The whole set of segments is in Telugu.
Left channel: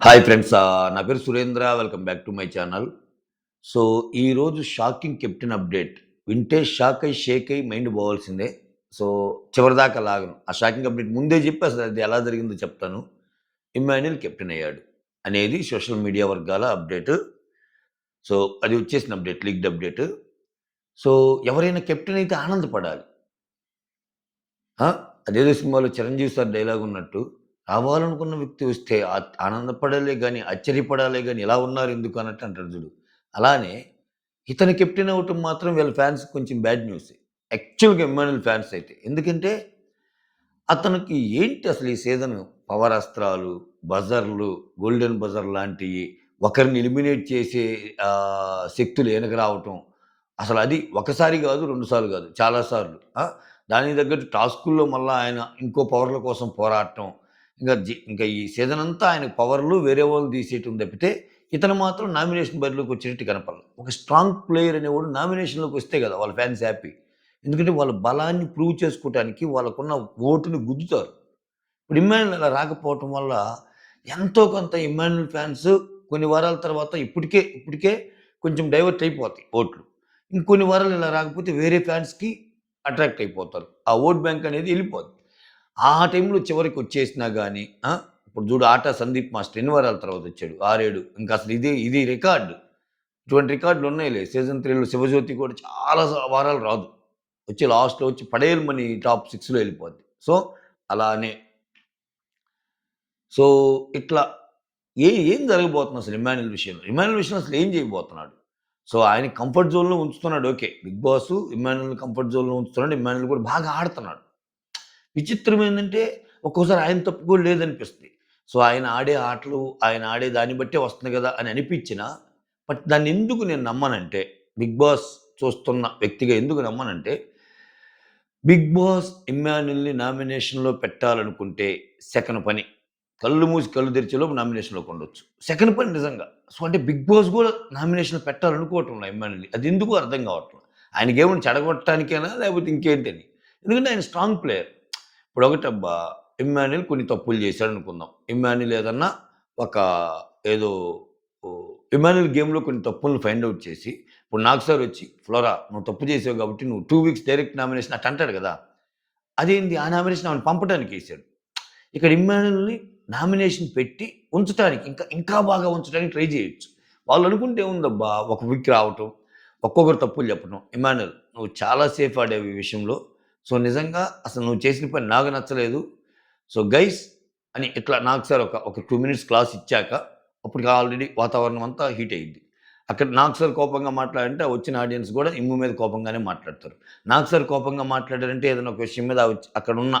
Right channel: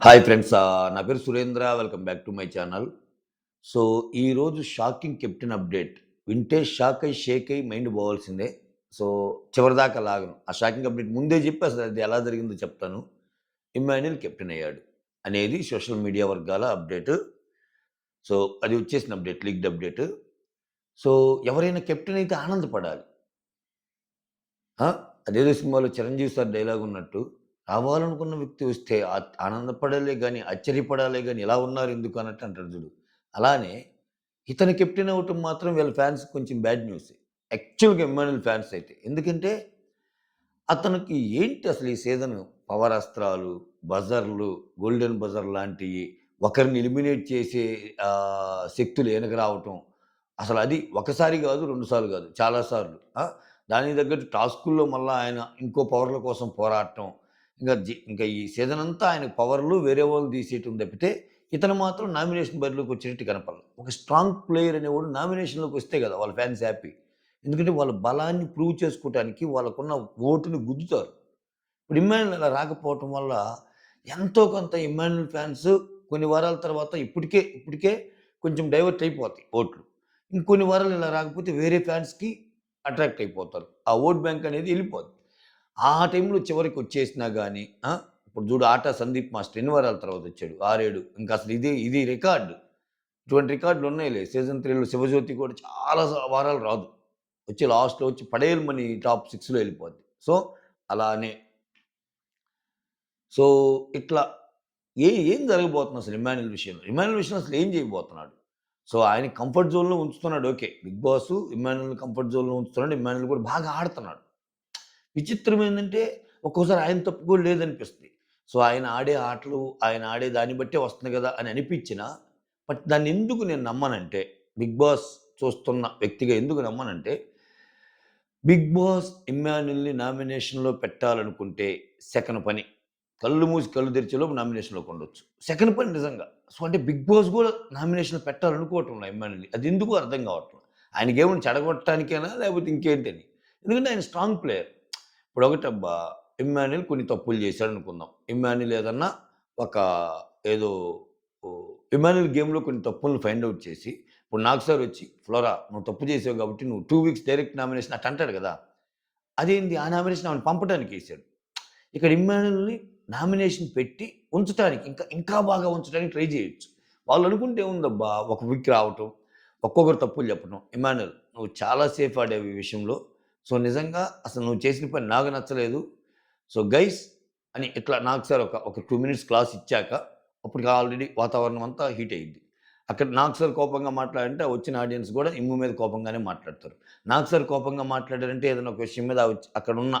Hi friends. నా పేరు Surendra. Welcome back to my channel. So, ఈరోజు షాకింగ్ కెప్టెన్ అప్డేట్. వింటే షాక్ అయ్యి, షేక్ అయ్యి మైండ్ పోవాల్సిందే. సో, చివరిదాకా లాగను. ఆ షాకింగ్ అప్డేట్ ముందే చెప్పి అసలు అది ఎలా జరిగిందో చెప్తాను. ఇమ్మాన్యుయల్ కెప్టెన్ అయ్యాడు అనేది సోషల్ మీడియా వర్గాల అప్డేట్. సో, అది వచ్చేసిన అప్డేట్, లీక్డ్ అప్డేట్. సో, ఎవరైనా కెప్టెన్ అయితే ఆనందపడాలి. ఆ! అదేదో సినిమాలో 'చిరంజీవి' సార్ డైలాగ్ ఉన్నట్టు, రావాలనుకున్న వ్యక్తి వస్తే ఆనందపడాలే గాని, ఆశ్చర్యపడాలే గాని, ఇలా ఉన్నారెందుకు అన్నట్టు అంటాడు చూడు. అలానే ఇతను కెప్టెన్ అవ్వటం మాత్రం వీళ్ళ ఫ్యాన్స్‌కి కొంచెం బ్యాడ్ న్యూసే. యాక్చువల్‌గా ఇమ్మాన్యుయల్ ఫ్యాన్స్ అయితే. ఎందుకంటే అతనికి ఏంటి అసలు ఈ సీజను పవర్ అస్త్రాలు, బజర్‌లు, గోల్డెన్ బజర్ లాంటియి, ఒకరిని ఎలిమినేట్ చేసే శక్తులు ఈయనకి రావటం. అసలది ఒకసారి గాదు, 2 సార్లు గాదు. చాలా సార్లు. దానికి తగ్గట్టు టాస్కుల్లో మళ్ళా ఆయన ఇంకో పవర్‌ల కోసం పోరాటం. ఇంకా ఈ సీజన్ అంతా ఆయనకు పవర్‌లు వేరే వాళ్ళని తీసేయటం తప్పితే, ఇతను మాత్రం నామినేషన్ బరిలోకి వచ్చేటట్టు కనపడల. ఒక స్ట్రాంగ్ ప్లేయర్ అనేవాడు నామినేషన్‌లోకి వస్తే గదా! వాళ్ళ ఫ్యాన్స్ హ్యాపీ. ఎందుకంటే వాళ్ళ బలాన్ని ప్రూవ్ చేసుకోవటానికి వాళ్ళకున్న ఓటుని గుద్దుతారు. ఇప్పుడు ఇమ్మాన్యుల్ అలా రాకపోవటం వల్ల ఎంతో కొంత ఇమ్మాన్యుల్ ఫ్యాన్స్ కొన్ని వారాల తర్వాత ఇప్పటికే కొంచెం డైవర్ట్ అయిపోతాయి ఓట్లు. ఇంకొన్ని వారాలు ఇలా రాకపోతే వేరే ఫ్యాన్స్‌కి అట్రాక్ట్ అయిపోతారు. ఆ ఓట్ బ్యాంక్ అనేది ఎళ్ళిపోద్ది. ఆ టైంలో చివరికొచ్చేసినా గాని ఇప్పుడు చూడు 'ఆటా సందీప్ మాస్టర్' ఎన్ని వారాల తర్వాత వచ్చాడు? 6, 7 ఇంకా అసలు ఇది రికార్డ్. ఇటువంటి రికార్డులున్నాయిలే. సీజన్ 3లో 'శివజ్యోతి' కూడా చాలా వారాలు రాదు. వచ్చి లాస్ట్‌లో వచ్చి పడేయమని టాప్ 6లో ఎళ్ళిపోద్ది. సో, అలానే సో, ఇట్లా ఏం జరగబోతుంది అసలు ఇమ్మాన్యుయల్ విషయంలో? ఇమ్మాన్యుయల్ విషయంలో అసలు ఏం చేయబోతున్నాడు? సో, ఆయన కంఫర్ట్ జోన్‌లో ఉంచుతున్నాడు ఓకే. బిగ్ బాస్ ఇమ్మాన్యుయల్‌ని కంఫర్ట్ జోన్‌లో ఉంచుతున్నాడు. ఇమ్మాన్యుయల్ కూడా బాగా ఆడుతున్నాడు. విచిత్రం ఏందంటే ఒక్కోసారి ఆయన తప్పు కూడా లేదనిపిస్తది. సో, ఆయన ఆడే ఆటలు, ఆయన ఆడే దాన్ని బట్టే వస్తుంది గదా! అని అనిపించినా, బట్ దాన్నెందుకు నేను నమ్మనంటే, బిగ్ బాస్ చూస్తున్న వ్యక్తిగా ఎందుకు నమ్మనంటే, బిగ్ బాస్ ఇమ్మాన్యుయల్‌ని నామినేషన్‌లో పెట్టాలనుకుంటే సెకను పని. కళ్ళు మూసి కళ్ళు తెరిచేలోపు నామినేషన్‌లోకి ఉండొచ్చు. సెకను పని నిజంగా. సో, అంటే బిగ్ బాస్ గూడా నామినేషన్‌లో పెట్టాలనుకోవటంలా ఇమ్మాన్యుల్‌ని. అదెందుకో అర్థం కావట్ల. ఆయనకేమన్నా చెడగొట్టడానికేనా? లేకపోతే ఇంకేంటని? ఎందుకంటే ఆయన స్ట్రాంగ్ ప్లేయర్. ఇప్పుడొకటబ్బా! ఇమ్మాన్యుయల్ కొన్ని తప్పులు చేశాడనుకుందాం. ఇమ్మాన్యుయల్ ఏదన్నా ఒక ఏదో ఇమ్మాన్యుయల్ గేమ్‌లో కొన్ని తప్పులను ఫైండ్ ఔట్ చేసి, ఇప్పుడు నాకు సార్ వచ్చి, "ఫ్లోరా నువ్వు తప్పు చేసావు కాబట్టి నువ్వు 2 వీక్స్ డైరెక్ట్ నామినేషన్" అట్ట అంటాడు గదా! అదేంది ఆ నామినేషన్ ఆమెను పంపటానికేసాడు. ఇక్కడ ఇమ్మాన్యుయల్‌ని నామినేషన్ పెట్టి ఉంచటానికి ఇంకా బాగా ఉంచడానికి ట్రై చేయొచ్చు. వాళ్ళనుకుంటే ఏముందబ్బా! ఒక వీక్ రావటం, ఒక్కొక్కరు తప్పులు చెప్పటం. ఇమ్మాన్యుయల్ నువ్వు చాలా సేఫ్ ఆడావు ఈ విషయంలో. సో, నిజంగా అసలు నువ్వు చేసిన పని నాకు నచ్చలేదు. సో, గైస్ అని ఇట్లా నాకు సార్ ఒక 2 మినిట్స్ క్లాస్ ఇచ్చాక అప్పటికి ఆల్రెడీ వాతావరణం అంతా హీట్ అయ్యిద్ది. అక్కడ నాకు సార్ కోపంగా మాట్లాడంటే ఆ వచ్చిన ఆడియన్స్ గూడా ఇమ్ము మీద కోపంగానే మాట్లాడతారు. నాకు సార్ కోపంగా మాట్లాడారంటే ఏదైనా ఒక విషయం మీద అక్కడున్న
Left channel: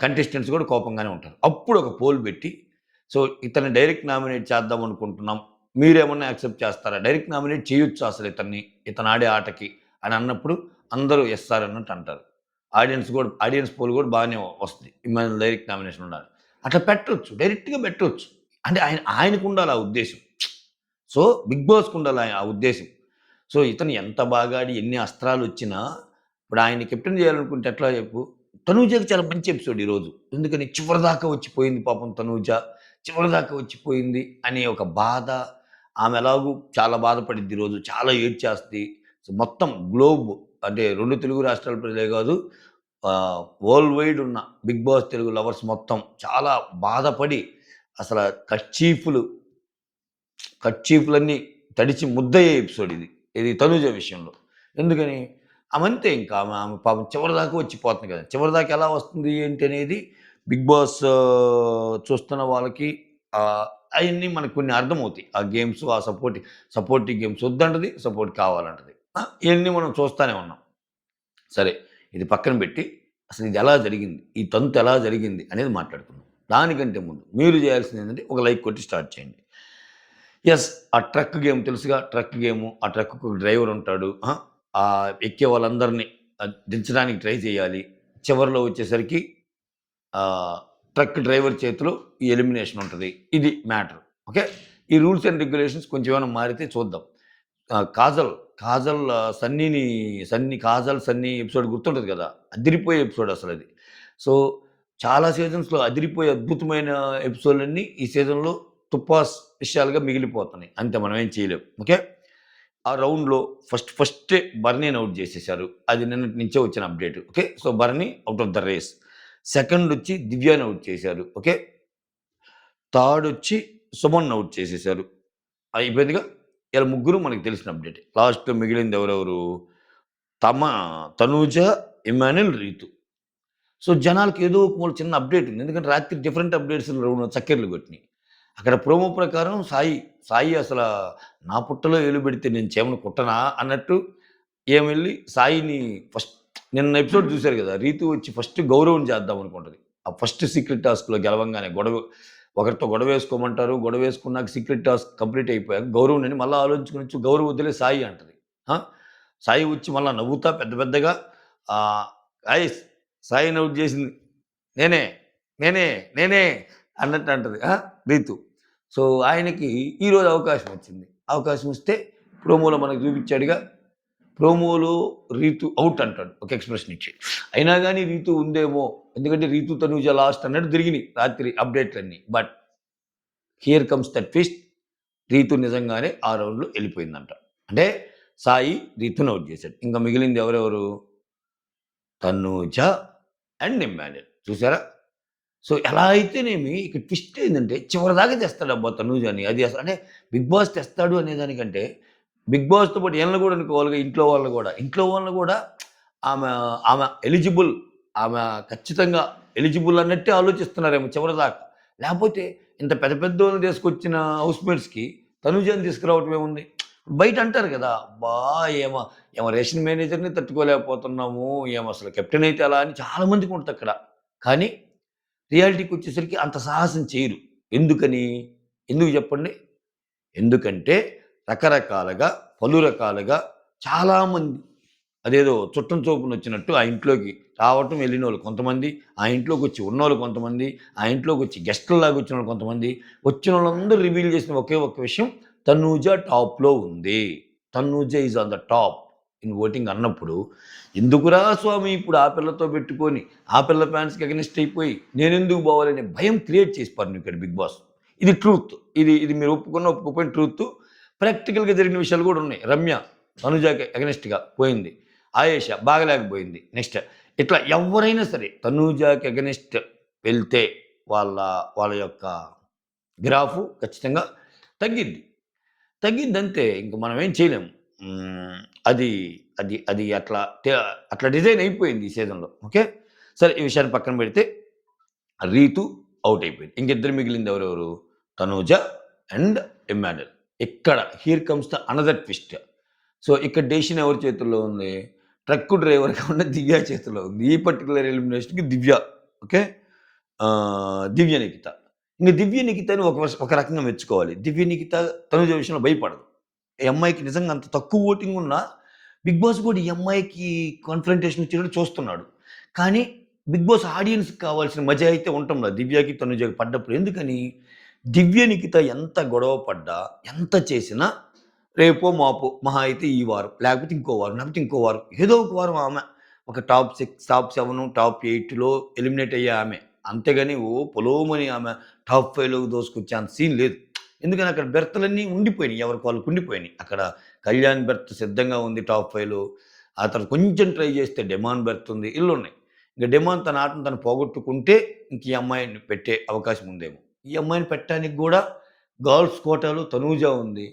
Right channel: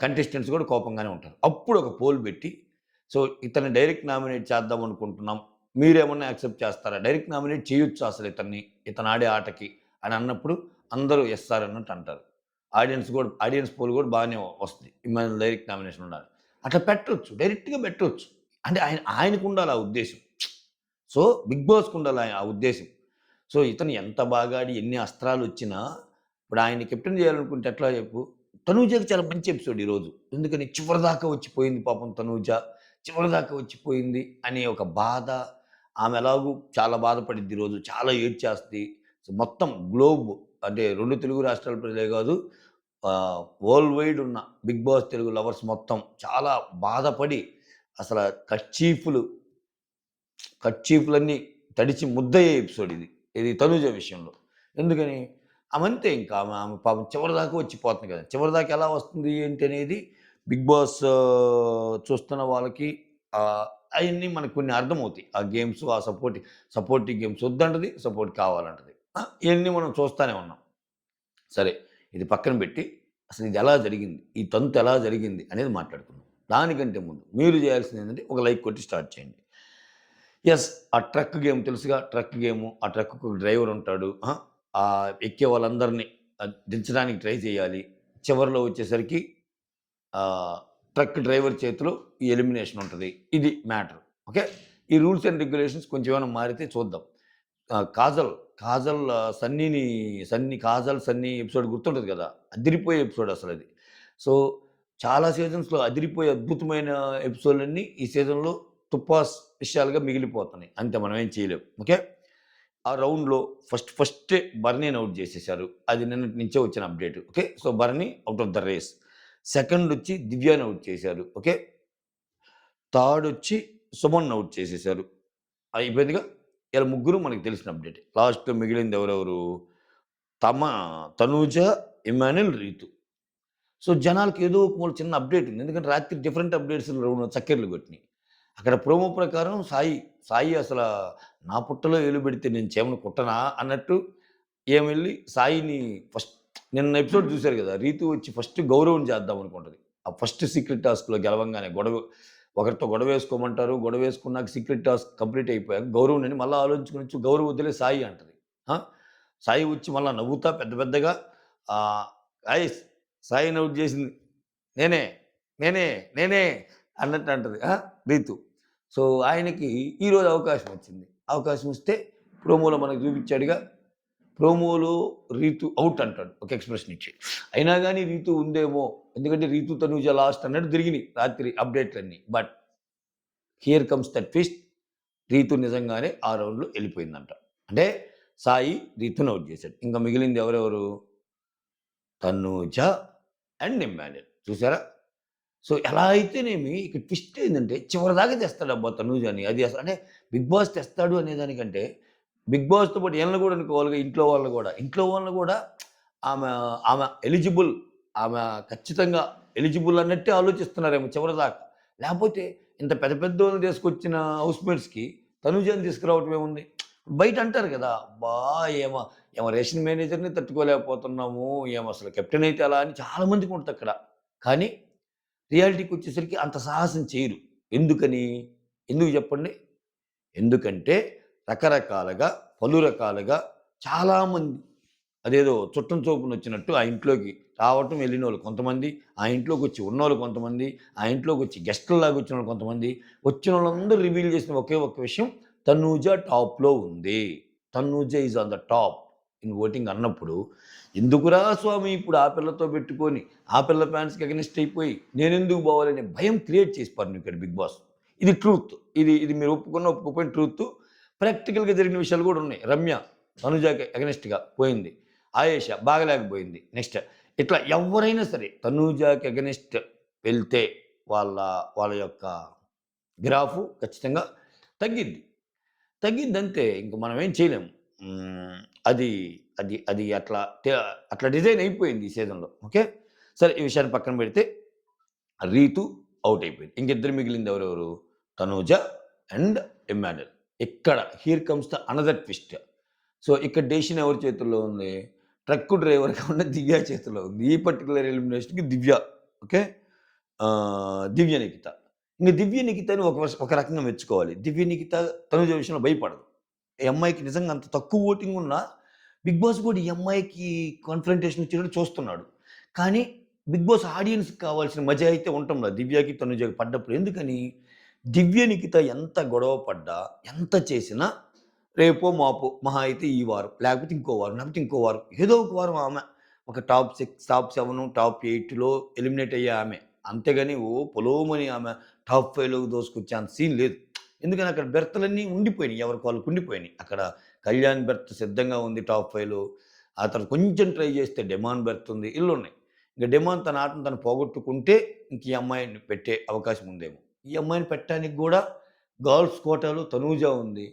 కంటెస్టెంట్స్ గూడా కోపంగానే ఉంటారు. అప్పుడు ఒక పోల్ బెట్టి, సో, ఇతన్ని డైరెక్ట్ నామినేట్ చేద్దాం అనుకుంటున్నాం. మీరేమన్నా యాక్సెప్ట్ చేస్తారా? డైరెక్ట్ నామినేట్ చేయొచ్చా అసలు ఇతన్ని? ఇతను ఆడే ఆటకి అని అన్నప్పుడు అందరూ యెస్ సార్ అన్నట్టు అంటారు. ఆడియన్స్ పోల్ గూడా బాగానే వస్తది. ఇమ్మాన్యుయల్ డైరెక్ట్ నామినేషన్ ఉండాలి. అట్లా పెట్టొచ్చు. డైరెక్ట్‌గా పెట్టొచ్చు. అంటే ఆయనకుండాలి ఆ ఉద్దేశ్యం. సో, బిగ్ బాస్‌కుండాలి ఆ ఉద్దేశ్యం. సో, ఇతను ఎంత బాగా ఆడి ఎన్ని అస్త్రాలొచ్చినా, ఇప్పుడు ఆయన్ని కెప్టెన్ చేయాలనుకుంటే ఎట్లా చెప్పు? తనూజకి చాలా మంచి ఎపిసోడ్ ఈరోజు. ఎందుకని చివరిదాకా వచ్చిపోయింది పాపం తనూజ. చివరిదాకా వచ్చిపోయింది అనే ఒక బాధ. ఆమె ఎలాగో చాలా బాధపడిద్ది ఈరోజు. చాలా ఏడ్చేస్తది. సో, మొత్తం గ్లోబ్ అంటే 2 తెలుగు రాష్ట్రాల ప్రజలే గాదు. వరల్డ్ వైడ్ ఉన్న బిగ్ బాస్ తెలుగు లవర్స్ మొత్తం చాలా బాధపడి అసల కర్చీఫ్‌లు కర్చీఫ్‌లన్నీ తడిచి ముద్దయ్యే ఎపిసోడ్ ఇది. ఇది తనూజ విషయంలో. ఎందుకని? ఆమంతే ఇంకా ఆమె పాపం చివరిదాకా వచ్చిపోతుంది కదా! చివరిదాకా ఎలా వస్తుంది ఏంటి అనేది బిగ్ బాస్ చూస్తున్న వాళ్ళకి అయన్నీ మనకు కొన్ని అర్థమవుతాయి. ఆ గేమ్స్, ఆ సపోర్టివ్ గేమ్స్ వద్దంటది, సపోర్ట్ కావాలంటది. ఇయన్నీ మనం చూస్తానే ఉన్నాం. సరే ఇది పక్కన పెట్టి అసలు ఇది ఎలా జరిగింది? ఈ తంతు ఎలా జరిగింది? అనేది మాట్లాడుకుందాం. దానికంటే ముందు మీరు చేయాల్సిందేంటంటే ఒక లైక్ కొట్టి స్టార్ట్ చేయండి. యెస్. ఆ ట్రక్ గేమ్ తెలుసుగా ట్రక్ గేము. ఆ ట్రక్‌కు ఒక డ్రైవర్ ఉంటాడు. ఎక్కే వాళ్ళందరిని దించడానికి ట్రై చేయాలి. చివరిలో వచ్చేసరికి ఆహ్, ట్రక్ డ్రైవర్ చేతిలో ఈ ఎలిమినేషన్ ఉంటది. ఇది మ్యాటర్. ఓకే. ఈ రూల్స్ అండ్ రెగ్యులేషన్స్ కొంచెం ఏమైనా మారితే చూద్దాం. కాజల్ కాజల్, సన్నీ ఎపిసోడ్ గుర్తుంటది కదా! అదిరిపోయే ఎపిసోడ్ అసలది. సో, చాలా సీజన్స్‌లో అదిరిపోయే అద్భుతమైన ఎపిసోడ్‌లన్నీ ఈ సీజన్‌లో తుప్పాస్ విషయాలుగా మిగిలిపోతున్నాయి. అంతే మనం ఏం చేయలేం. ఓకే. ఆ రౌండ్‌లో ఫస్టే బర్నీని ఔట్ చేసేసారు. అది నిన్నటి నుంచే వచ్చిన update. Okay. So, Bharani out of the race. సెకండొచ్చి దివ్యాని ఔట్ చేశారు. ఓకే. థర్డొచ్చి సుమన్‌ని ఔట్ చేసేసారు. అయిపోయిందిగా. ఈళ్ళ ముగ్గురు మనకు తెలిసిన అప్‌డేటే. లాస్ట్‌లో మిగిలింది ఎవరెవరు? తమ తనూజ, ఇమ్మాన్యుల్, రీతు. సో, జనాలకి ఏదో ఒక మూల చిన్న అప్‌డేట్ ఉంది. ఎందుకంటే రాత్రి డిఫరెంట్ అప్‌డేట్స్ చక్కెర్లు కొట్టినియి. అక్కడ ప్రోమో ప్రకారం సాయి అసల నా పుట్టలో ఏలు పెడితే నేను చీమను కుట్టనా అన్నట్టు ఈమెళ్లి సాయిని ఫస్ట్ నిన్న ఎపిసోడ్ చూసారు కదా! రీతు వచ్చి ఫస్ట్ గౌరవం చేద్దాం అనుకుంటది. ఆ ఫస్ట్ సీక్రెట్ టాస్క్‌లో గెలవంగానే ఒకరితో గొడవేసుకోమంటారు. గొడవేసుకున్నాక సీక్రెట్ టాస్క్ కంప్లీట్ అయిపోయాక గౌరవం అని మళ్ళా ఆలోచించుకొనొచ్చి గౌరవం వద్దులే సాయి అంటది. ఆ! సాయి వచ్చి మళ్ళా నవ్వుతా పెద్ద పెద్దగా ఆహ్, "గైస్ సాయిని ఔట్ చేసింది నేనే, నేనే, నేనే" అన్నట్టు అంటది. రీతు. సో, ఆయనకి ఈరోజు అవకాశం వచ్చింది. అవకాశం వస్తే ప్రోమోలో మనకు చూపించాడుగా. ప్రోమోలో రీతు ఔట్ అంటాడు. ఒక ఎక్స్‌ప్రెషన్ ఇచ్చి. అయినా గాని రీతు ఉందేమో. ఎందుకంటే రీతు, తనూజ లాస్ట్ అన్నట్టు తిరిగినియి రాత్రి అప్‌డేట్‌లన్నీ. But here comes the twist. Reethu నిజంగానే ఆ రౌండ్‌లో ఎళ్ళిపోయిందంట. అంటే సాయి రీతుని ఔట్ చేసాడు. ఇంక మిగిలింది ఎవరెవరు? Tanuja and Emmanuel. చూసారా? సో, ఎలా అయితేనేమి ఇక్కడ ట్విస్ట్ ఏందంటే చివరిదాకా తెస్తాడబ్బా తనూజని. అది అసలు అంటే 'బిగ్ బాస్' తెస్తాడు అనేదానికంటే 'బిగ్ బాస్‌తో' పాటు ఈళ్ళని గూడా అనుకోవాలిగా ఇంట్లో వాళ్ళని గూడా. ఇంట్లో వాళ్ళని గూడా ఆమె ఆమె ఎలిజిబుల్. ఆమె ఖచ్చితంగా ఎలిజిబుల్ అన్నట్టే ఆలోచిస్తున్నారేమో చివరిదాకా. లేపోతే ఇంత పెద్ద పెద్దోళ్ళని తీసుకొచ్చిన హౌస్‌మేట్స్‌కి తనూజని తీసుకురావటం ఏముంది? బయట అంటారు గదా! అబ్బా! ఈమె ఈమె రేషన్ మేనేజర్‌ని తట్టుకోలేకపోతున్నాము. ఈమె అసలు కెప్టెన్ అయితే ఎలా అని చాలా మందికి ఉంటదక్కడ. కానీ రియాలిటీకొచ్చేసరికి అంత సాహసం చేయరు. ఎందుకని? ఎందుకు జెప్పండి? ఎందుకంటే రకరకాలుగా, పలు రకాలుగా చాలామంది అదేదో చుట్టం చొప్పునొచ్చినట్టు ఆ ఇంట్లోకి రావటం, వెళ్ళినోళ్ళు కొంతమంది, ఆ ఇంట్లోకొచ్చి ఉన్నోళ్ళు కొంతమంది, ఆ ఇంట్లోకొచ్చి గెస్ట్‌ల్లాగా వచ్చినోళ్ళు కొంతమంది, వచ్చినోళ్ళందరూ రివీల్ చేసిన ఒకే ఒక్క విషయం తనూజ టాప్‌లో ఉంది. Tanuja is on the top in voting అన్నప్పుడు, ఎందుకురా స్వామి ఇప్పుడు ఆ పిల్లతో పెట్టుకొని, ఆ పిల్ల ఫ్యాన్స్‌కి అగెనిస్ట్ అయిపోయి, నేనెందుకు పోవాలనే భయం క్రియేట్ చేసి పారినింపాడు బిగ్ బాస్. ఇది ట్రూత్. ఇది మీరు ఒప్పుకున్న, ఒప్పుకోకపోయిన ట్రూత్. ప్రాక్టికల్‌గా జరిగిన విషయాలు గూడా ఉన్నాయి. రమ్య తనుజకి అగెనిస్ట్‌గా పోయింది. ఆయేష బాగలేకపోయింది. నెక్స్ట్ ఇట్లా ఎవ్వరైనా సరే తనూజకి అగెనిస్ట్ వెళ్తే వాళ్ళ వాళ్ళ యొక్క గ్రాఫు ఖచ్చితంగా తగ్గిద్ది. తగ్గిద్దంతే. ఇంక మనం ఏం చేయలేము. హ్మ్. అది అది అట్లా డిజైన్ అయిపోయింది ఈ సీజన్‌లో. ఓకే. సరే ఈ విషయాన్ని పక్కన పెడితే రీతు ఔట్ అయిపోయింది. ఇంకిద్దరు మిగిలింది ఎవరెవరు? తనూజ అండ్ ఇమ్మాన్యుల్. ఇక్కడ here comes the another twist. So, ఇక్కడ డెసిషన్ ఎవరి చేతుల్లో ఉంది? ట్రక్కు డ్రైవర్‌గా ఉన్న దివ్య చేతిలో ఉంది. ఈ పర్టిక్యులర్ ఎలిమినేషన్‌కి దివ్య. ఓకే. దివ్య నిఖిత. ఇంక దివ్య నిఖితని ఒక రకంగా మెచ్చుకోవాలి. దివ్య నిఖిత తనుజ విషయంలో భయపడదు. ఈ అమ్మాయికి నిజంగా అంత తక్కువ ఓటింగ్ ఉన్నా, బిగ్ బాస్ కూడా ఈ అమ్మాయికి కాన్ఫ్రంటేషన్ ఇచ్చేటట్టు చూస్తున్నాడు. కానీ బిగ్ బాస్ ఆడియన్స్‌కి కావాల్సిన మజా అయితే ఉండటంలా దివ్యకి, తనుజకి పడ్డప్పుడు. ఎందుకని? దివ్య నిఖిత ఎంత గొడవ పడ్డా, ఎంత చేసినా రేపో, మాపో మహా అయితే ఈ వారం, లేకపోతే ఇంకో వారం, లేకపోతే ఇంకో వారం. ఏదో ఒక వారం ఆమె ఒక టాప్ 6, టాప్ 7, టాప్ 8లో ఎలిమినేట్ అయ్యే ఆమె. అంతేగాని పొలోమని ఆమె టాప్ 5లోకి దూసుకొచ్చే అంత సీన్ లేదు. ఎందుకని అక్కడ బెర్తులన్నీ ఉండిపోయినాయి. ఎవరికి వాళ్ళకి ఉండిపోయినాయి. అక్కడ కళ్యాణ్ బెర్త్ సిద్ధంగా ఉంది టాప్ 5లో. ఆ తర్వాత కొంచెం ట్రై చేస్తే డెమాన్ బెర్త్ ఉంది. ఇళ్ళున్నాయి. ఇంక డెమాన్ తన ఆటను తను పోగొట్టుకుంటే ఇంక ఈ అమ్మాయిని పెట్టే అవకాశం ఉందేమో. ఈ అమ్మాయిని పెట్టడానికి గూడా గర్ల్స్ కోటాలో తనూజ ఉంది.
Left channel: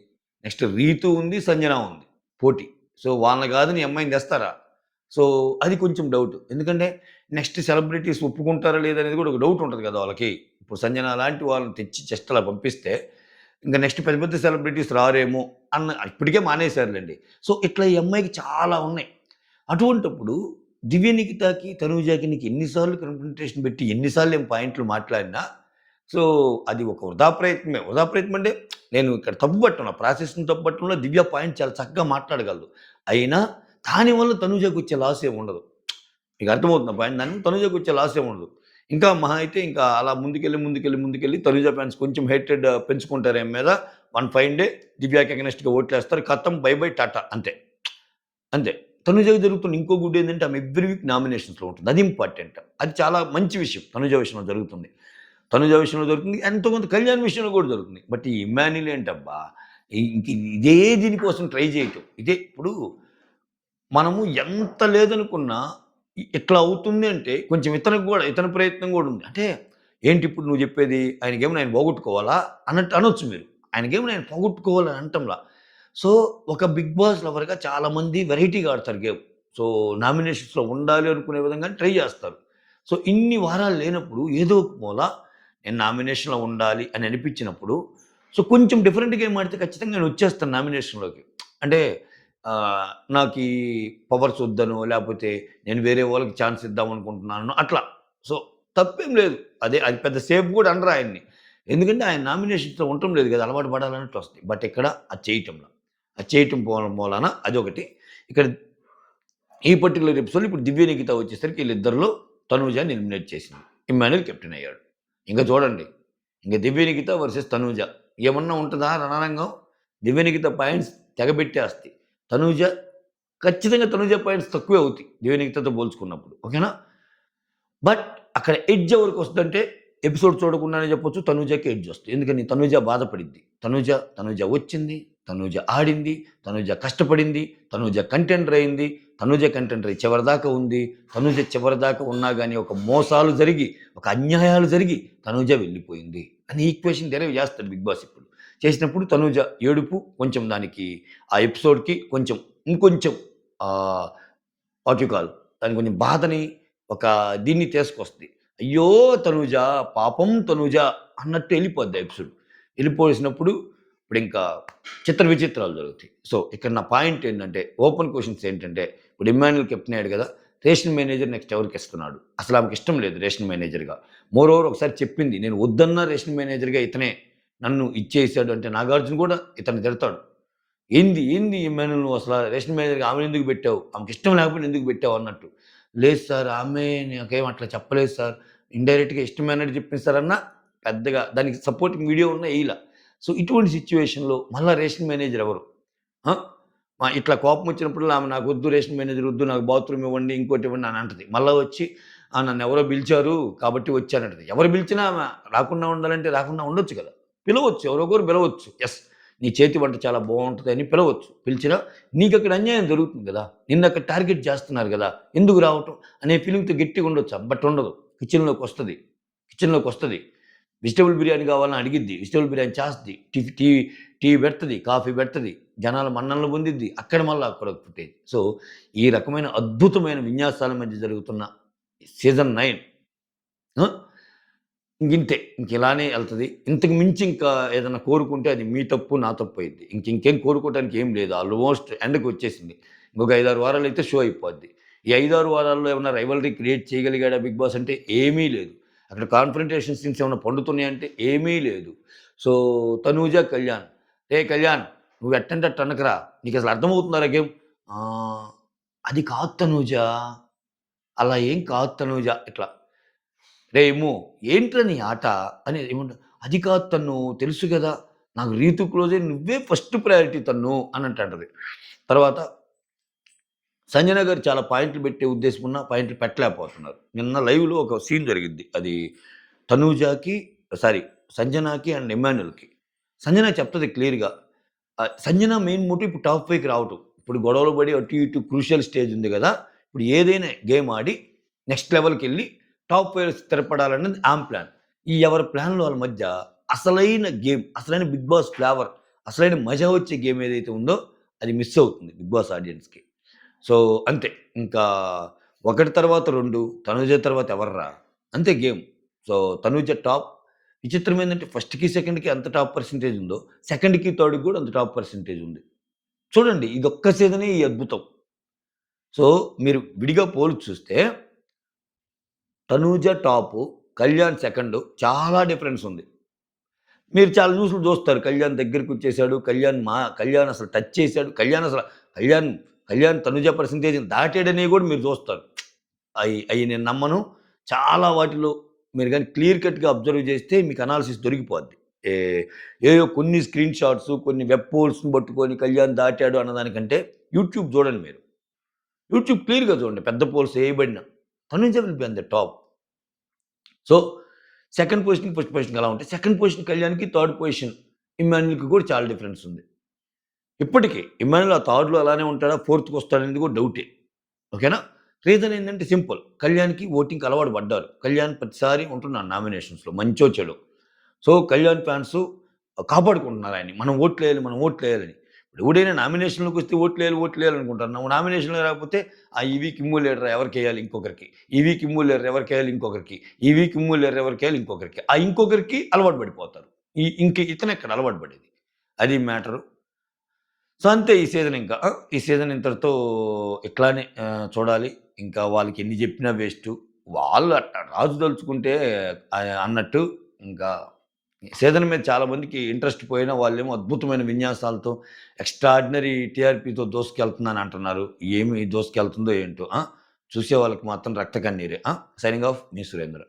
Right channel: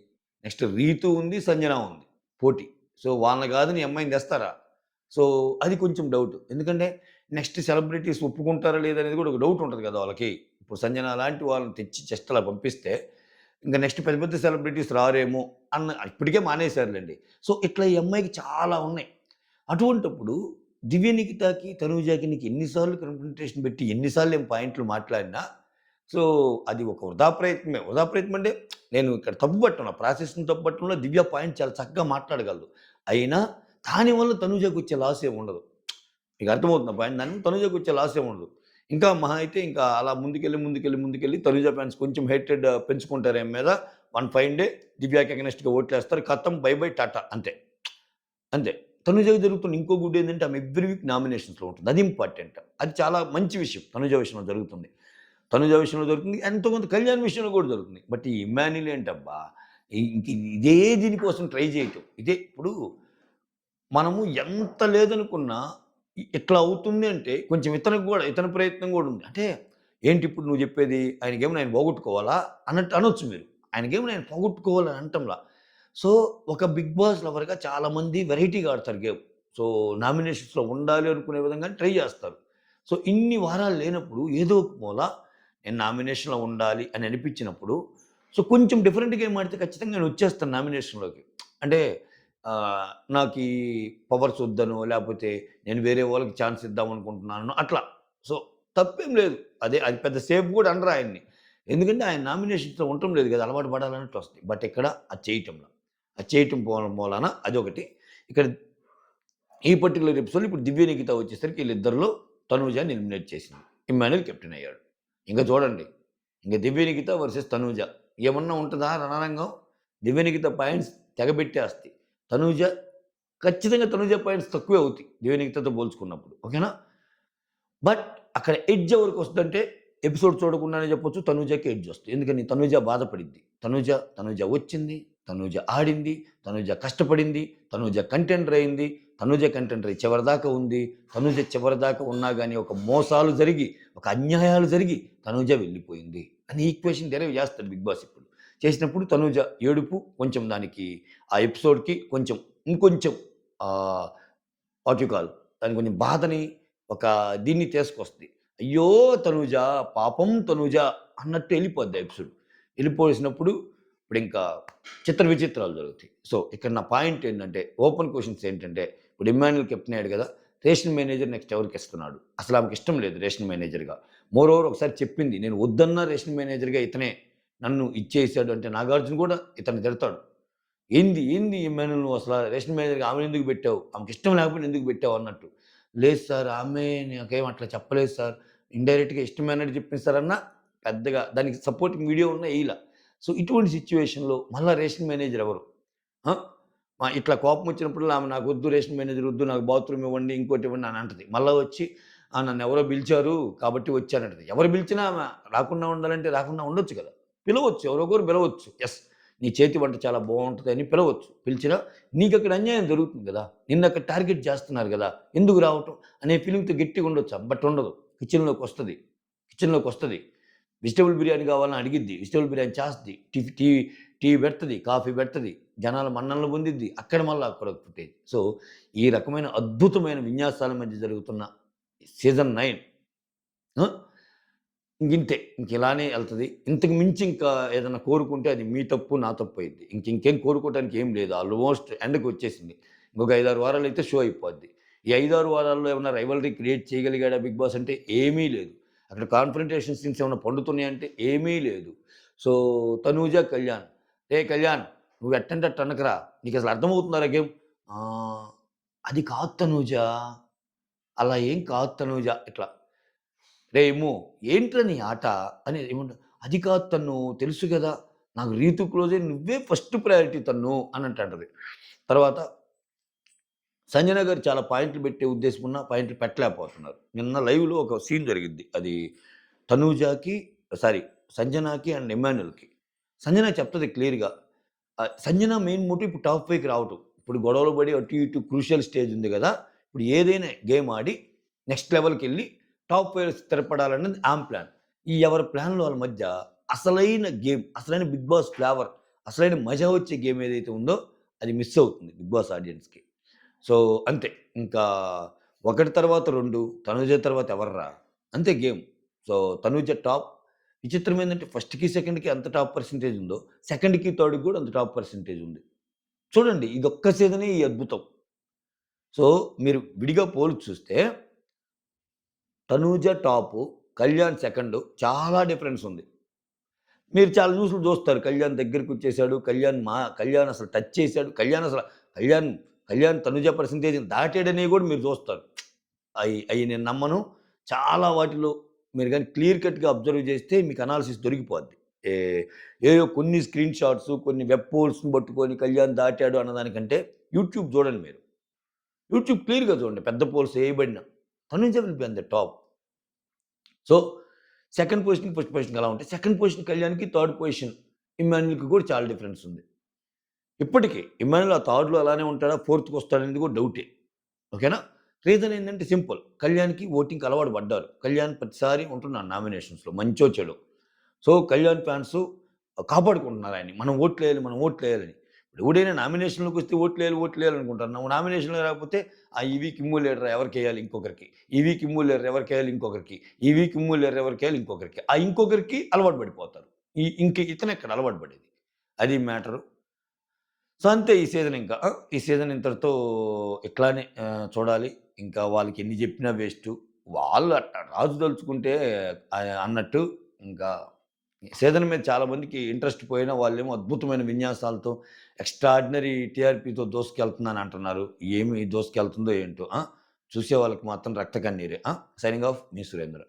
నెక్స్ట్ 'రీతు' ఉంది, 'సంజన' ఉంది పోటీ. సో, వాళ్ళని కాదని ఈ అమ్మాయిని తెస్తారా? సో, అది కొంచెం డౌట్. ఎందుకంటే నెక్స్ట్ సెలబ్రిటీస్ ఒప్పుకుంటారా లేదా అనేది కూడా ఒక డౌట్ ఉంటది కదా వాళ్ళకి. ఇప్పుడు 'సంజన' లాంటి వాళ్ళని తెచ్చి జస్ట్ అలా పంపిస్తే ఇంక నెక్స్ట్ పెద్ద పెద్ద సెలబ్రిటీస్ రారేమో ఇప్పటికే మానేసారులెండి. సో, ఇట్లా ఈ అమ్మాయికి చాలా ఉన్నాయి. అటువంటప్పుడు 'దివ్య నిఖితకి, తనూజకి' నీకు ఎన్ని సార్లు కన్ఫrontation పెట్టి ఎన్ని సార్లు ఏం పాయింట్లు మాట్లాడినా సో, అది ఒక వృధా ప్రయత్నమే. వృధా ప్రయత్నం అంటే నేను ఇక్కడ తప్పు పట్టను. ఆ ప్రాసెస్‌ని తప్పు పట్టడంలో దివ్య పాయింట్ చాలా చక్కగా మాట్లాడగలదు. అయినా దానివల్ల తనూజకొచ్చే లాస్ ఏమి ఉండదు. మీకు అర్థమవుతుందా పాయింట్? దానివల్ల తనూజకొచ్చే లాస్ ఏమి ఉండదు. ఇంకా మహా అయితే ఇంకా అలా ముందుకెళ్ళి తనూజ ఫ్యాన్స్ కొంచెం హేట్రెడ్ పెంచుకుంటారు ఈమె మీద. వన్ ఫైన్ డే దివ్యాకి అగైనెస్ట్‌గా ఓట్లేస్తారు. ఖతం బై బై టాటా అంతే. అంతే. తనుజకి జరుగుతున్న ఇంకో గుడ్ ఏందంటే ఆమె ఎవ్రి వీక్ నామినేషన్స్‌లో ఉంటుంది. అది ఇంపార్టెంట్. అది చాలా మంచి విషయం తనుజ విషయంలో జరుగుతుంది. తనుజ విషయంలో దొరుకుతుంది. ఎంతో కొంత కళ్యాణ్ విషయంలో కూడా దొరుకుతుంది. బట్ ఈ ఇమ్మాన్యుల్ ఏంటబ్బా! ఇంక ఇదే దీనికోసం ట్రై చేయటం. ఇదే ఇప్పుడు మనము ఎంత లేదనుకున్నా ఇట్లా అవుతుంది అంటే కొంచెం ఇతని ప్రయత్నం గూడా ఉంది. అంటే ఏంటి ఇప్పుడు నువ్వు జెప్పేది? ఆయనకేమైనా ఆయన పోగొట్టుకోవాలా? అన్నట్టు అనొచ్చు మీరు. ఆయనకేమైనా ఆయన పోగొట్టుకోవాలని అనటంలా. సో, ఒక 'బిగ్ బాస్' లవర్‌గా చాలామంది వెరైటీగా ఆడతారు గేమ్. సో, నామినేషన్స్‌లో ఉండాలి అనుకునే విధంగానే ట్రై జేస్తారు. సో, ఇన్ని వారాలు లేనప్పుడు ఏదో ఒక మూల నేను నామినేషన్‌లో ఉండాలి అని అనిపించినప్పుడు, సో, కొంచెం డిఫరెంట్ గేమ్ ఆడితే ఖచ్చితంగా నేనొచ్చేస్తాను నామినేషన్‌లోకి. అంటే నాకీ పవర్స్ వద్దనో, లేపోతే నేను వేరే వాళ్ళకి ఛాన్స్ ఇద్దామనుకుంటున్నానో అట్లా. సో, తప్పేం లేదు. అది పెద్ద సేఫ్ గూడా అనరు ఆయన్ని. ఎందుకంటే ఆయన నామినేషన్స్‌లో ఉండటం లేదు గదా! అలవాటు పడాలన్నట్టు వస్తాయి. బట్ ఇక్కడ అది చేయటంలా. అది చేయటం మూలాన అదొకటి. ఇక్కడ ఈ పర్టిక్యులర్ ఎపిసోడ్‌లో ఇప్పుడు 'దివ్య నిఖిత' వచ్చేసరికి ఈళ్ళిద్దరిలో తనూజని ఎలిమినేట్ చేసింది. ఇమ్మాన్యుల్ కెప్టెన్ అయ్యాడు. ఇంక చూడండి. ఇంక 'దివ్య నిఖిత' వర్సెస్ 'తనూజ' ఏమన్నా ఉంటదా రణరంగం? 'దివ్య నిఖిత' పాయింట్స్ తెగబెట్టేస్తాయి. 'తనూజ' ఖచ్చితంగా 'తనూజ' పాయింట్స్ తక్కువే అవుతాయి. 'దివ్య నిఖిత'తో పోల్చుకున్నప్పుడు. ఓకేనా? బట్ అక్కడ ఎడ్జ్ ఎవరికొస్తదంటే ఎపిసోడ్ చూడకుండానే చెప్పొచ్చు 'తనూజకి' ఎడ్జ్ వస్తది. ఎందుకని 'తనూజ' బాధపడిద్ది. 'తనూజ వచ్చింది. 'తనూజ ఆడింది. 'తనూజ కష్టపడింది. 'తనూజ కంటెండర్ అయింది. 'తనూజ కంటెండర్ అయ్యి చివరిదాకా ఉంది. 'తనూజ చివరిదాకా ఉన్నా గాని ఒక మోసాలు జరిగి, ఒక అన్యాయాలు జరిగి 'తనూజ వెళ్ళిపోయింది' అని ఈక్వేషన్ డెరైవ్ చేస్తాడు 'బిగ్ బాస్' ఇప్పుడు. చేసినప్పుడు 'తనూజ' ఏడుపు కొంచెం దానికి ఆ ఎపిసోడ్‌కి కొంచెం ఇంకొంచెం ఆహ్, వాట్ యూ కాల్ దానికి కొంచెం బాధని ఒక దీన్ని తీసుకొస్తది. అయ్యో! తనూజ, పాపం తనూజ అన్నట్టు ఎళ్ళిపోద్ది ఆ ఎపిసోడ్. ఎళ్ళిపోసినప్పుడు ఇప్పుడింకా చిత్ర విచిత్రాలు జరుగుతాయి. సో, ఇక్కడ నా పాయింట్ ఏంటంటే, ఓపెన్ క్వెషన్స్ ఏంటంటే, ఇప్పుడు ఇమ్మాన్యుల్ కెప్టెన్ అయ్యాడు గదా! రేషన్ మేనేజర్ నెక్స్ట్ ఎవరికిస్తున్నాడు? అసలు ఆమెకిష్టం లేదు రేషన్ మేనేజర్‌గా. మోరోవర్ ఒకసారి చెప్పింది. నేను వద్దన్న రేషన్ మేనేజర్‌గా ఇతనే నన్ను ఇచ్చేసాడు అంటే, నాగార్జున గూడా ఇతన్ని తిడతాడు. ఏంది ఇమ్మాన్యుల్ నువ్వసల రేషన్ మేనేజర్‌గా ఆమెనెందుకు పెట్టావు? ఆమెకిష్టం లేకపోయినా ఎందుకు పెట్టావు అన్నట్టు. లేదు సార్ ఆమె నాకేం అట్లా చెప్పలేదు సార్. ఇండైరెక్ట్‌గా ఇష్టమైనట్టు చెప్పింది సార్ అన్నా పెద్దగా దానికి సపోర్టింగ్ వీడియో ఉన్నా ఎయల. సో, ఇటువంటి సిట్యుయేషన్‌లో మళ్ళా రేషన్ మేనేజర్ ఎవరు? ఆ! ఇట్లా కోపం వచ్చినప్పుడల్లా ఆమె నాకొద్దు రేషన్ మేనేజర్ వద్దు. నాకు బాత్రూమ్ ఇవ్వండి, ఇంకోటి ఇవ్వండి అని అంటది. మళ్ళా వచ్చి నన్నెవరో పిలిచారు కాబట్టి వచ్చానంటది. ఎవరు పిలిచినా ఆమె రాకుండా ఉండాలంటే రాకుండా ఉండొచ్చు కదా! పిలవచ్చు. ఎవరో ఒకరు పిలవచ్చు. యెస్. నీ చేతి వంట చాలా బావుంటదని పిలవచ్చు. పిలిచినా నీకక్కడ అన్యాయం జరుగుతుంది గదా! నిన్నక్కడ టార్గెట్ చేస్తున్నారు గదా! ఎందుకు రావటం అనే ఫీలింగ్‌తో గట్టిగా ఉండొచ్చు. బట్ ఉండదు. కిచెన్‌లోకొస్తది. కిచెన్‌లోకొస్తది. వెజిటబుల్ బిర్యానీ కావాలని అడిగిద్ది. వెజిటబుల్ బిర్యానీ చేస్తది. టీ పెడతది. కాఫీ పెడతది. జనాల మన్ననలు పొందిద్ది. అక్కడ మళ్ళా అక్కడొక ఫుటేజ్. సో, ఈ రకమైన అద్భుతమైన విన్యాసాల మధ్య జరుగుతున్న సీజన్ 9 ఆ! ఇంకింతే. ఇంకిలానే ఎళ్తది. ఇంతకు మించి ఇంకా ఏదన్నా కోరుకుంటే అది మీ తప్పు, నా తప్పు అయిద్ది. ఇంకేం కోరుకోవటానికి ఏం లేదు. ఆల్‌మోస్ట్ ఎండ్‌కొచ్చేసింది. ఇంకొక 5, 6 వారాలైతే షో అయిపోద్ది. ఈ 5, 6 వారాల్లో ఏమన్నా రైవల్రీ క్రియేట్ చేయగలిగాడా 'బిగ్ బాస్' అంటే ఏమీ లేదు. అక్కడ కాన్ఫ్రంటేషన్ సీన్స్ ఏమన్నా పండుతున్నాయంటే ఏమీ లేదు. సో, తనూజ, కళ్యాణ్. "ఏయ్ కళ్యాణ్! నువ్వు ఎట్టంటే అట్ట అనకురా. నీకసలు అర్థమవుతుందారా గేమ్?" అది కాదు తనూజ. అలా ఏం కాదు తనూజ. ఇట్లా "రేయ్ ఇమ్ము ఏంట్రా నీ ఆట" అని ఏమంటా "అది కాదు తన్ను తెలుసు గదా! నాకు రీతు క్లోజే నువ్వే ఫస్ట్ ప్రయారిటీ తన్ను" అని అంటాంటది. తర్వాత సంజన గారు చాలా పాయింట్లు పెట్టే ఉద్దేశం ఉన్న పాయింట్లు పెట్టలేకపోతున్నారు. నిన్న లైవ్‌లో ఒక సీన్ జరిగిద్ది. అది తనూజకి సారీ సంజనకి అండ్ ఇమ్మాన్యుల్‌కి. సంజన చెప్తది క్లియర్‌గా. సంజన మెయిన్ మోటివ్ ఇప్పుడు టాప్ 5కి రావటం. ఇప్పుడు గొడవలు పడి అటు ఇటు క్రూషియల్ స్టేజ్ ఉంది గదా! ఇప్పుడు ఏదైనా గేమ్ ఆడి నెక్స్ట్ లెవెల్‌కెళ్ళి టాప్ 5 స్థిరపడాలన్నది ఆమె ప్లాన్. ఈ ఎవరి ప్లాన్‌లు వాళ్ళ మధ్య అసలైన గేమ్, అసలైన 'బిగ్ బాస్' ఫ్లేవర్, అసలైన మజా వచ్చే గేమ్ ఏదైతే ఉందో అది మిస్ అవుతుంది 'బిగ్ బాస్' ఆడియన్స్‌కి. సో, అంతే. ఇంకా ఒకటి తర్వాత 2 తనుజ తర్వాత ఎవర్రా? అంతే గేమ్. So, Tanuja top. విచిత్రం ఏందంటే ఫస్ట్‌కి, సెకండ్‌కి ఎంత టాప్ పర్సెంటేజ్ ఉందో, సెకండ్‌కి, థర్డ్‌కి గూడా అంత టాప్ పర్సెంటేజ్ ఉంది. చూడండి ఇదొక్క సీజనే ఈ అద్భుతం. సో, మీరు విడిగా పోల్చి చూస్తే తనూజ టాపు, కళ్యాణ్ సెకండు చాలా డిఫరెన్స్ ఉంది. మీరు చాలా న్యూస్‌లు చూస్తారు. కళ్యాణ్ దగ్గరికొచ్చేసాడు. కళ్యాణ్ అసలు టచ్ చేసాడు. కళ్యాణ్, కళ్యాణ్ తనుజ పర్సెంటేజ్‌ని దాటాడనేవి గూడా మీరు చూస్తారు. అయి నేను నమ్మను. చాలా వాటిలో మీరు గాని క్లియర్ కట్‌గా అబ్జర్వ్ చేస్తే మీకు అనాలిసిస్ దొరికిపోద్ది. ఏ ఏయో కొన్ని స్క్రీన్ షాట్స్, కొన్ని వెబ్ పోల్స్‌ని పట్టుకొని కళ్యాణ్ దాటాడు అన్నదానికంటే యూట్యూబ్ చూడండి మీరు. యూట్యూబ్ క్లియర్‌గా చూడండి. పెద్ద పోల్స్ ఏయబడిన. Tanuja will be on the top. So, second position, first పొజిషన్‌కి ఎలా ఉంటాయి. సెకండ్ పొజిషన్ కళ్యాణ్‌కి, థర్డ్ పొజిషన్ ఇమ్మాన్యుల్‌కి కూడా చాలా డిఫరెన్స్ ఉంది. ఇప్పటికి ఇమ్మాన్యుల్ ఆ థర్డ్‌లో అలానే ఉంటాడా? ఫోర్త్‌కొస్తాడనేది కూడా డౌటే. ఓకేనా? రీజన్ ఏంటంటే సింపుల్. కళ్యాణ్‌కి ఓటింగ్‌కి అలవాటు పడ్డారు. కళ్యాణ్ ప్రతిసారి ఉంటున్నాడు నామినేషన్స్‌లో మంచో, చెడో. సో, కళ్యాణ్ ఫ్యాన్స్ కాపాడుకుంటున్నారు ఆయన్ని. మనం ఓట్లేయాలి, మనం ఓట్లేయాలని. ఎవడైనా నామినేషన్‌లోకొస్తే ఓట్లేయాలి, ఓట్లేయాలి అనుకుంటారు. నువ్వు నామినేషన్‌లో రాకపోతే ఈ వీక్ ఇమ్ము లీడర్ ఎవరికేయాలి ఇంకొకరికి. ఈ వీక్ ఇమ్ము లీడర్ ఎవరికేయాలి ఇంకొకరికి. ఈ వీక్ ఇమ్ము లీడర్ ఎవరికేయాలి ఇంకొకరికి. ఆ ఇంకొకరికి అలవాటు పడిపోతారు. ఇంక ఇతనెక్కడ అలవాటు పడేది. అది మ్యాటరు. సో, అంతే ఈ సీజన్ ఇంకా. ఈ సీజన్ ఇంతటితో ఇట్లానే చూడాలి. ఇంకా వాళ్ళకి ఎన్ని జెప్పినా వేస్టు. వాళ్ళు అట్ట రాజు దలుచుకుంటే అన్నట్టు ఇంకా సీజన్ మీద చాలా మందికి ఇంట్రెస్ట్ పోయినా వాళ్ళేమో అద్భుతమైన విన్యాసాలతో ఎక్స్‌ట్రార్డినరీ టీఆర్‌పీతో దూసుకెళ్తుందని అంటున్నారు. ఏమి దూసుకెళ్తుందో ఏంటో! చూసే వాళ్ళకి మాత్రం రక్త కన్నీరే. సైనింగ్ ఆఫ్ మీ సురేంద్ర.